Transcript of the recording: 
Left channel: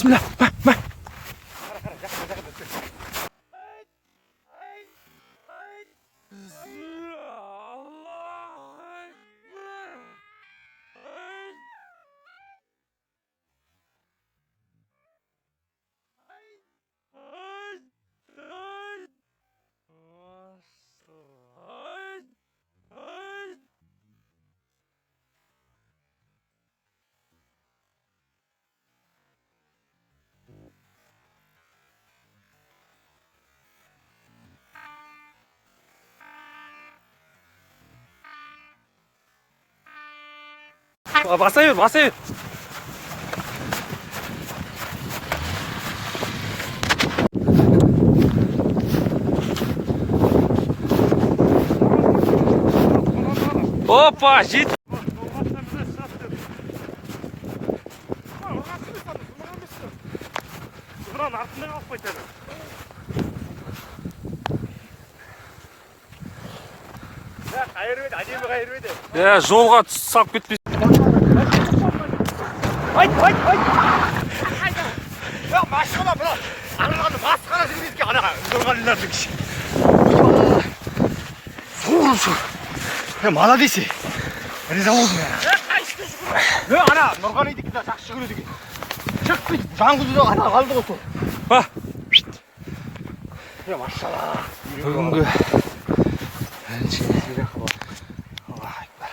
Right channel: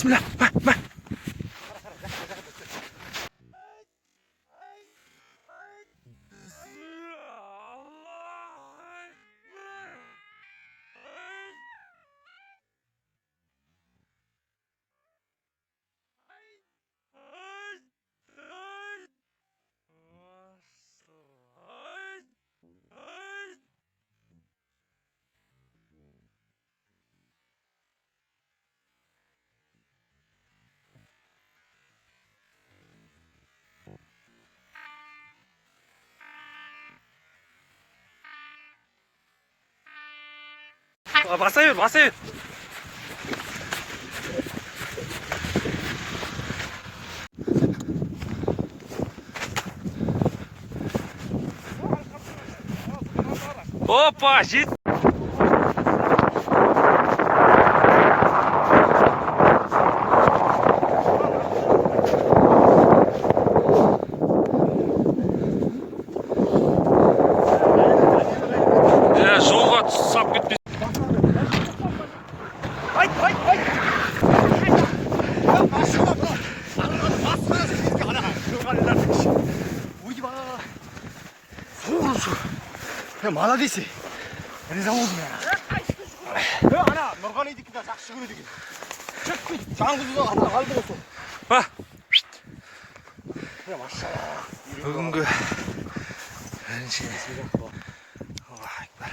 Bismillah. Бар. Масайыр. Опа, жет. Жолға сап кетпес. Ай! Ya maşallah bro. Anladı maskara siz ki ana organizatör kişi. Soğursun. Ya молодец. Риза болдым я. Ана нұрғали дейтін жақсы көреді екен. Шық бит. Жаңғызды ана қалды ғой сол. Ба. Ya maşallah. Бүгінгі Аллах акбар.